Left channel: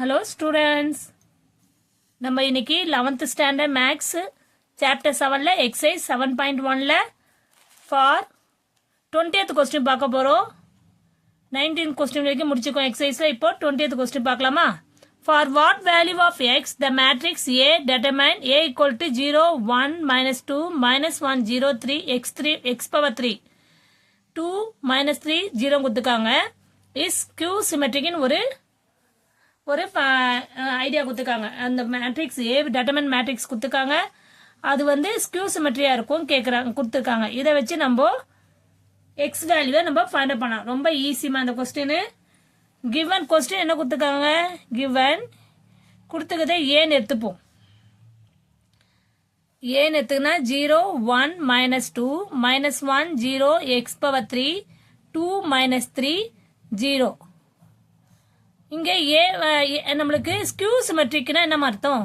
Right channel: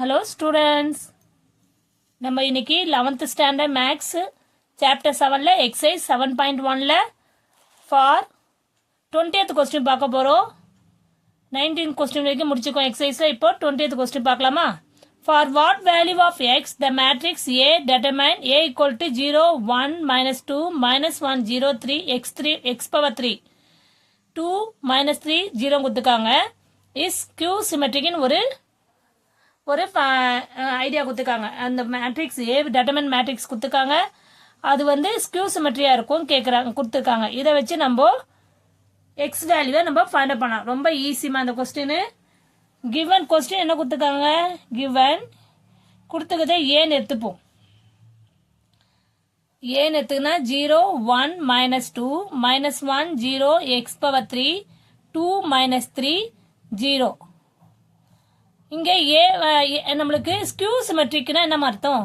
Hello students. நம்ம இன்னைக்கு 11th standard max chapter 7ல exercise 7.1ல for 20th question பார்க்க போறோம். 19th question வரைக்கும் முடிச்சுக்கோம் exerciseல. இப்போ 20th question பார்க்கலாமா? For what value of x the matrix A determine A equal to 0 1 minus 2 minus 1 0 3 x power 3 2 minus 3 0 கொடுத்துருக்காங்க. is q symmetric in ஒரு idea கொடுத்துருக்காங்க. அந்த matrix A டெட்டர்மின் matrix கொடுத்துருக்காங்க. அது வந்து ஸ்கியூ சிமெட்ரியா இருக்கும் கேட்குறாங்க கொடுத்துருக்காங்க. இதை வச்சு நம்ம எக்ஸ் வேல்யூவை நம்ம ஃபைண்ட் அவுட் பண்ணலாம். ரொம்ப ஈஸிமா அந்த கொஸ்டின். கிவன் கொஸ்டின் என்ன கொடுத்துருக்காங்க? கிவன் கொடுத்துக்கதே ஏன்னு எடுத்துப்போம். ஏன்னு எடுத்துக்கினா 0 1 minus 2 minus 1 0 x power 3 2 minus 3 0. இங்கே ஏ நம்மளுக்கு ஸ்கியூ சிமெட்ரிக்னா என்ன அர்த்தம்?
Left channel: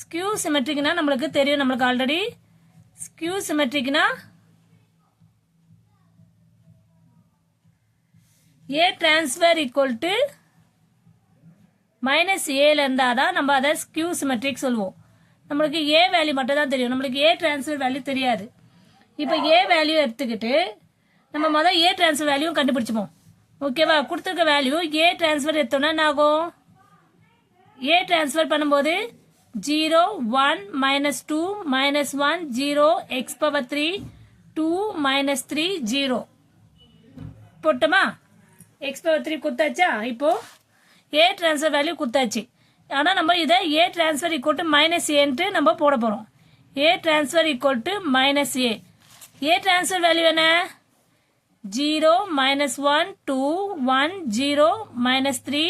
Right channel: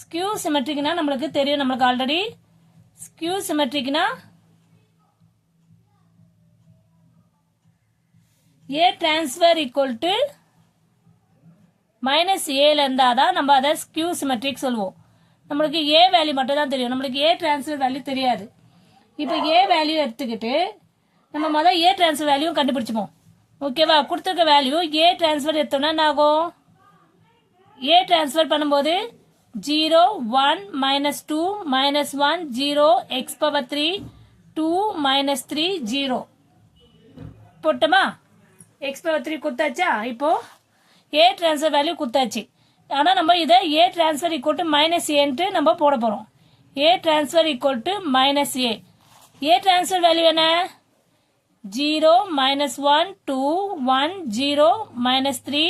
ஸ்கியூ சிமெட்ரிக்னா நம்மளுக்கு தெரியும். நம்மளுக்கு ஆல்ரெடி ஸ்கியூ சிமெட்ரிக்னா A transpose equal to minus ஏல இருந்தாதான் நம்ம அதை ஸ்கியூ சிமெட்ரிக் சொல்லுவோம். நம்மளுக்கு ஏ வேல்யூ மட்டும் தான் தெரியும். நம்மளுக்கு ஏ டிரான்ஸ்ஃபர் வேல்யூ தெரியாது. இப்போ ஏ வேல்யூ எடுத்துக்கிட்டு நம்ம முதல் ஏ டிரான்ஸ்ஃபர் வேல்யூ கண்டுபிடிச்சுப்போம். ஓகேவா? கொடுத்துருக்க வேல்யூ ஏ டிரான்ஸ்ஃபர் எடுத்தோம்னா என்ன ஆகும்? ஏ டிரான்ஸ்ஃபர் பண்ணும்போது 0 1 minus 2 minus 1 0 x power 3 2 minus 3 0 போட்டோமா? x power 3 கொடுத்தாச்சா? இப்போ ஏ டிரான்ஸ்ஃபர் வேல்யூ கொடுத்தாச்சு. ஆனால் நம்ம இதை A transpose equal to minus ஏன்ட்டு நம்ம போட போகிறோம். A transpose equal to minus A. A transpose value என்ன? 0 minus 1 2 1 0 minus 3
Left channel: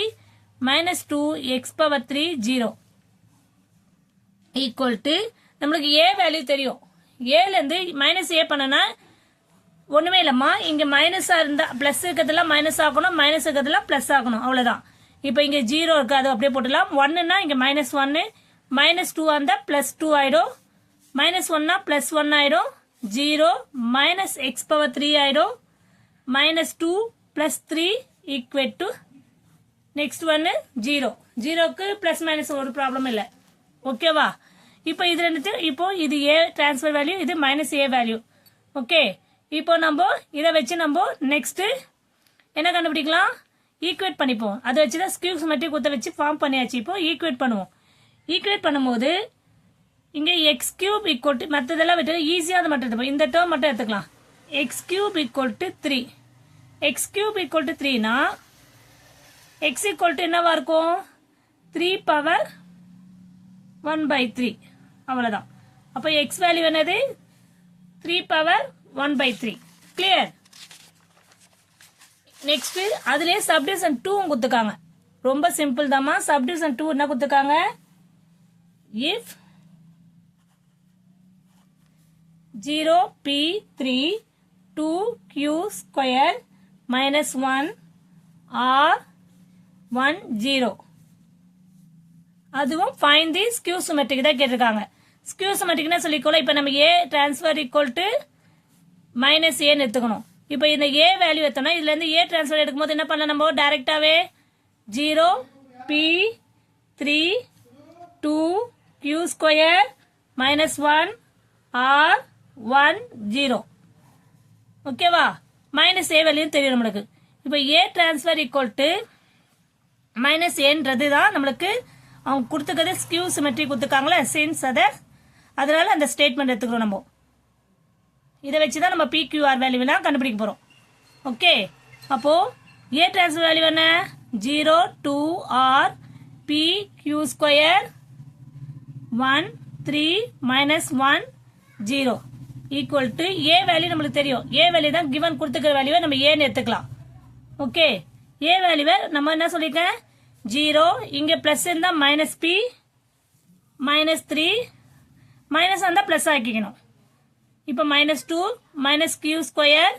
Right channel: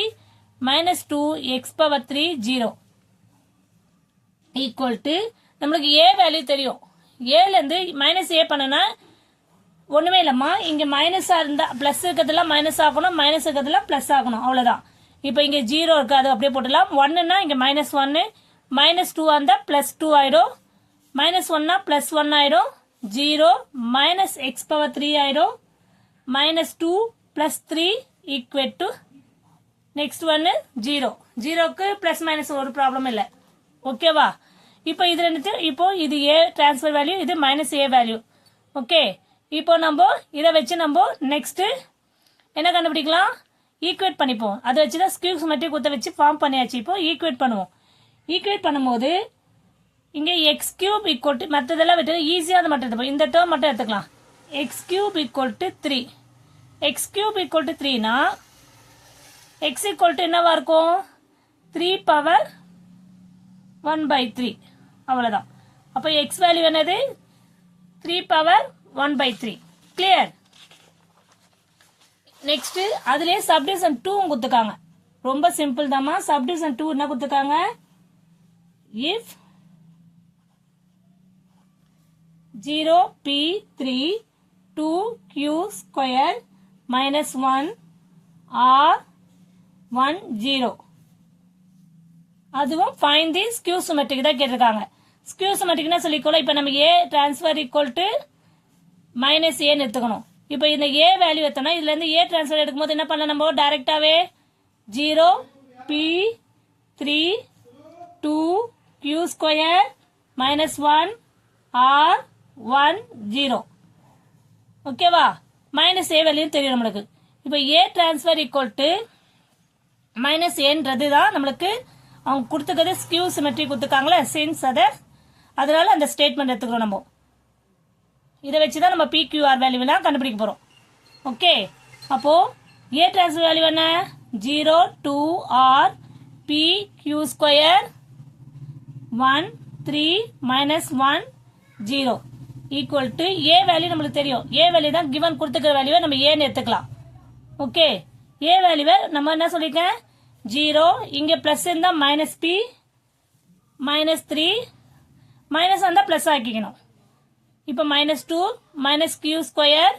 minus 2 x power 3 0 equal to நம்மளுக்கு a வேல்யூ தெரியும். a ல இருந்து மைனஸ் a பண்ணனா ஒண்ணுமே இல்லம்மா. இங்க மைனஸா இருந்தா பிளஸ் இருக்கிறதுல மைனஸ் ஆகணும், மைனஸ் இருக்கிறதுல பிளஸ் ஆகணும், அவ்வளவுதான். இப்போ இங்க 0 இருக்கு, அது அப்படியே போட்டுலாம். 1னா இங்க மைனஸ் 1 மைனஸ் 2 அந்த பிளஸ் 2 ஆயிடும். மைனஸ் 1னா பிளஸ் 1 ஆயிடும். 0 மைனஸ் x power 3 ஆயிடும். minus 2 plus 3 equal to next one 0. 0க்கு plus minus ஒரு ப்ராப்ளம் இல்லை. ஓகேவா? இப்போ இது ரெண்டு, இப்போ இது a டிரான்ஸ்ஃபர் வேல்யூ, இது மைனஸ் a வேல்யூ. ஓகே, இப்போ நம்ம இதை வச்சு நம்ம நெக்ஸ்ட் என்ன கண்டுபிடிக்கலாம்? ஈக்குவேட் பண்ணிப்போம். அதை வச்சு தான் ஸ்கியூ சிமெட்ரிக் குத்த வச்சு ஃபார்ம் பண்ணியாச்சு. இப்போ ஈக்குவேட் பண்ணுவோம். ஈக்குவேட் பண்ணும்போது இங்க x கியூப் ஈக்குவல் டு மற்றதெல்லாம் விட்டு ஈஸியாக அதை மட்டும் எடுத்துப்போம். இந்த டேர்ம் மட்டும் எடுத்துக்கலாம். x cube equal to 3. x cube equal to 3 na x equal to என்னவா இருக்கும்? 3 power 1 by 3. அவ்வளவுதான். அப்ப x வேல்யூ என்னது? 3 power 1 by 3. கிளியர்? நெக்ஸ்ட் அதுலயே சப்டிவிஷன் 2 கொடுத்துருக்காங்க. ரொம்ப சிம்பிள் தாமா. சப்டிவிஷன் 2 என்ன கொடுத்துருக்காங்க? if 0 p 3 2q square minus 1 or 1 0. அதுவும் find the skew symmetric தான் கேட்டிருக்காங்க. skew symmetric னா சொல்லிக்கோல. இப்போ நம்ம a transfer equal to minus a எடுத்துக்கணும். இப்போ இந்த a வேல்யூ எடுத்தோம்னா இதுல இருந்து a transfer எடுக்கும்போது என்ன பண்ணலாம்? நம்ம டைரக்டாவே 0 p 3 2q square minus 1 or 1 0. ஓகேவா? மைனஸ் ஏ வேல்யூ தெரியும் நம்மளுக்கு. இப்போ ஏ டிரான்ஸ்ஃபர் ஈக்குவல் டு மைனஸ் ஏன்றது தான் நம்மளுக்கு அவங்க கொடுத்துக்கிறது. ஸ்கியூ சிமெட்ரி கொடுத்துருக்காங்களே சின்ஸ் அதனால அந்த ஸ்டேட்மெண்ட் எடுத்துக்கிறோம் நம்ம. இதை வச்சு தான் நம்ம PQR வேல்யூலாம் கண்டுபிடிக்க போறோம். ஓகே, அப்போ ஏ டிரான்ஸ்ஃபர் வேல்யூ என்ன? 0 2 R PQ square 1 3 minus 1 0 equal to A value நம்மளுக்கு தெரியும். ஏ வேல்யூ தான் கிவன் கொடுத்துக்கிற வேல்யூவை நம்ம ஏன்னு எடுத்துக்கலாம். ஓகே, ஏ வேல்யூவை நம்ம என்ன சொல்லிருக்கேன்? 0 இங்க பிளஸ் இருந்தா மைனஸ் பி மைனஸ் 3 மைனஸ் வந்தா பிளஸ் ஆக்கிக்கணும். இப்போ minus 2 minus q square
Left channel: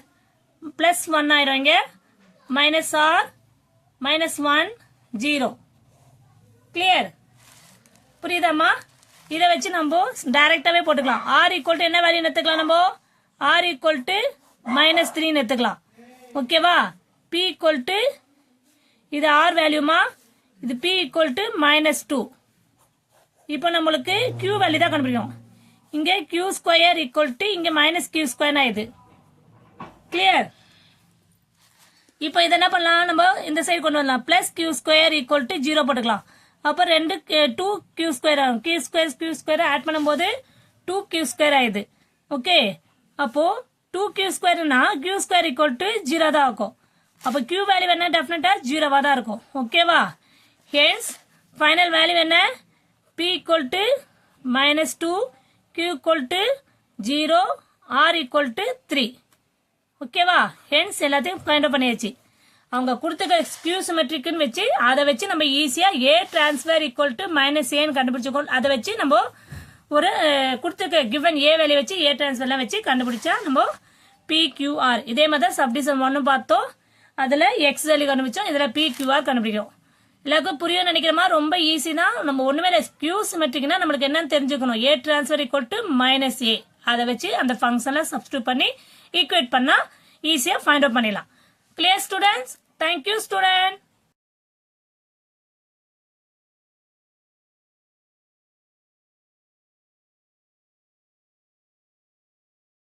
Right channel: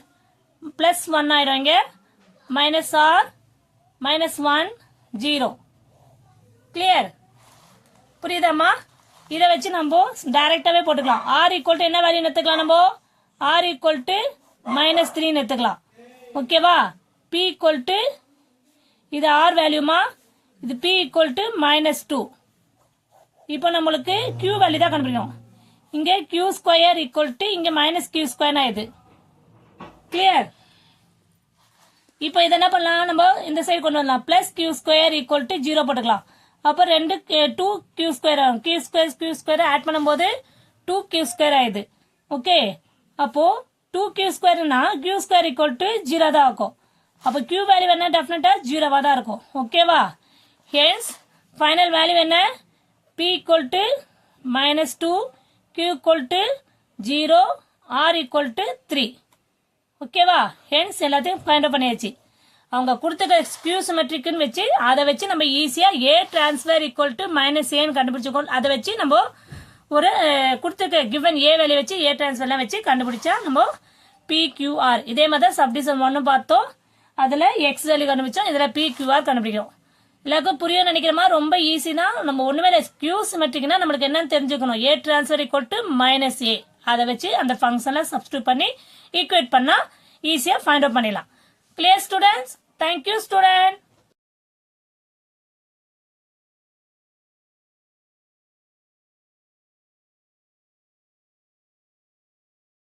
plus 1 ஆயிரும். இங்க மைனஸ் ஆர் மைனஸ் 1 0. கிளியர்? புரியுதாமா? இதை வச்சு நம்ம டைரக்டாவே போட்டுக்கலாம். r ஈக்குவல் டு என்ன வேல்யூ எடுத்துக்கலாம்? நம்ம r ஈக்குவல் டு மைனஸ் 3 எடுத்துக்கலாம். ஓகேவா? p ஈக்குவல் டு இது r வேல்யூமா, இது p ஈக்குவல் டு -2. இப்போ நம்மளுக்கு q வேல்யூ தான் கண்டுபிடிக்கணும். இங்க q ஸ்கொயர் ஈக்குவல் டு இங்க -q ஸ்கொயர் ஆயிடுது. கிளியர்? இப்போ இதை என்ன பண்ணலாம், நம்ம இந்த சைடு கொண்டு வரலாம். Plus q square equal to 0 போட்டுக்கலாம். அப்போ 2q ஸ்கொயர் ஆகும். q ஸ்கொயர் ஆட் பண்ணும்போது 2q ஸ்கொயர் ஆயிடுது. ஓகே, அப்போ 2q ஸ்கொயர்னா q square equal to 0 தான் இருக்கும். அப்போ q வேல்யூ என்ன, டெஃபினட்டா 0வா தான் இருக்கும். ஓகேவா? ஹென்ஸ் ஃபைனல் வேல்யூ என்ன, p equal to -2, q equal to 0, r equal to 3. ஓகேவா? ஹென்ஸ் எல்லாத்தையும் ஃபைண்ட் அவுட் பண்ணியாச்சு. அவங்க கொடுத்த ஸ்கியூ சிமெட்ரிக்னு வச்சு அதை வச்சு நம்ம ஈஸியா a transfer equal to -a கண்டுபிடிச்சிக்கோம். அதை வச்சு நம்ம ஒரு கொடுத்துருக்க கிவன் a வேல்யூ வச்சு a டிரான்ஸ்ஃபர்லாம் வச்சு கண்டுபிடிச்சா நம்ம PQR. இதே மாதிரி தான் சப்டிவிஷன் 1 பார்த்தோம். அதுல x வேல்யூ கண்டுபிடிச்சோம். இதுல PQR கண்டுபிடிக்கும். எல்லாருக்கும் புரியும் நினைக்கிறோமா? ரொம்ப ஈஸி தான். நம்ம ஒண்ணுமே இல்லை, ஸ்கியூ சிமெட்ரிக்னா நம்மளுக்கு என்னன்னு தெரிஞ்சுக்கணும். a transfer equal to -a. அதை வச்சு அந்த ஃபங்க்ஷனை சப்ஸ்டியூட் பண்ணி ஈக்குவேட் பண்ணா ஈஸியா ஃபைண்ட் அவுட் பண்ணிடலாம். Clear students? Thank you student.